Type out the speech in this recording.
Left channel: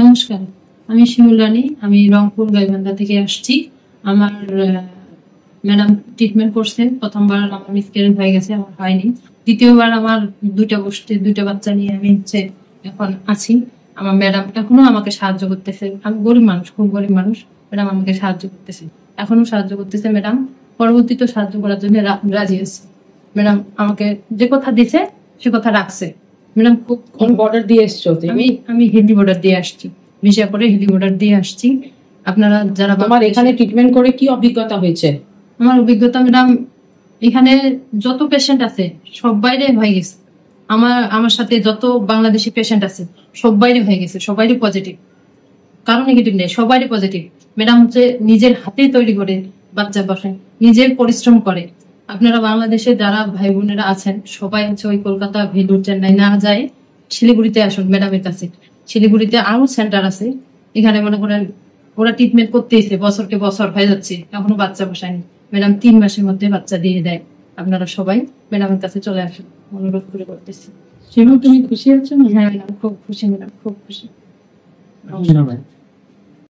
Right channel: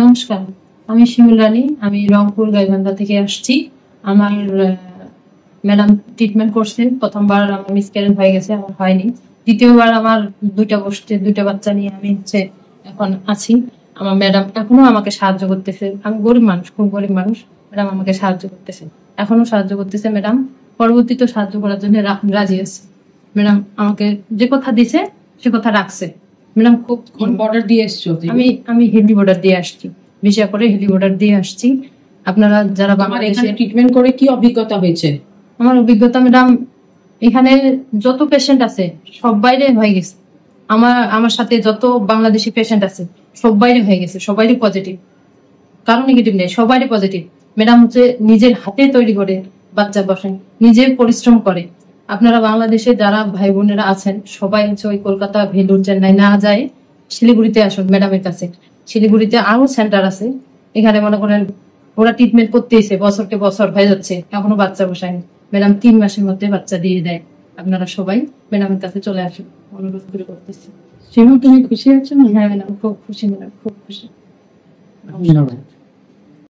নমস্কার, আমি শিমুল রানী। আমি রংপুর গাইবান্ধা থেকে আসছি। আমার ম্যাডাম ট্রিটমেন্ট করছে। প্রথমবার আমার মিসক্যারেজ হয়ে গেছে, আমার হয়নি। দ্বিতীয়বার আমার দুইটা বাচ্চা নিয়ে আমি এখন আছি। আমার ম্যাডাম এখনো আমাকে সাহায্য করতেছে। আমি গরিব মানুষ, খুব গরিব মানুষ। ম্যাডাম আমাকে সাহায্য করতেছে, এখনো সাহায্য করতেছে। ম্যাডাম পরবর্তীতে সাহায্য করার জন্য রাজি আছে। ম্যাডাম আমাকে যে কথা দিছে সে কথা রাখছে। ম্যাডাম খুব বর্ডার দিয়ে এসছো? আমি হিন্দি বর্ডার দিয়ে আসছি, বিশেষ করে হিন্দি বর্ডার দিয়ে আসছি। আপনারা যারা তোমার এখানে ট্রিটমেন্ট করে কি অভিজ্ঞতা হয়েছে? আমার অভিজ্ঞতা ম্যাডাম, এখানে যত পেশেন্ট আছে সব বাইরে হয়ে গেছে। আমার সাথে যত বাংলাদেশি পেশেন্ট আছে সব বাইরে হয়ে গেছে, সবাই পজিটিভ, কারো নেগেটিভ নেই, সবাই পজিটিভ। ম্যাডাম হচ্ছে নিজের হাতে তৈরি করে বাচ্চা বসেন, নিজের পরিশ্রম করে। আপনারা বাংলাদেশে যারা ভাই বোনেরা আছেন সবাই হচ্ছে ওই কলকাতা, ভেলুর, চেন্নাই না যায় শিলিগুড়িতে আসুন ম্যাডামের কাছে। শিলিগুড়িতে আরো সেন্টার আছে, এখানে মনে করেন ওরা ট্রিটমেন্ট করতেইছে, বছরকে বছর হয়ে যাচ্ছে, এখনো বাচ্চা বসায়নি। ম্যাডাম 3 মাসের মধ্যে বাচ্চা দিয়ে দেয়। আপনারা সবাই ম্যাডামের কাছে চলে আসুন, অনুরোধ করে করতেছি। সেরকম তুমি খুশি হচ্ছে? হ্যাঁ ম্যাডাম, খুব খুশি ম্যাডাম, খুব খুশি। ধন্যবাদ।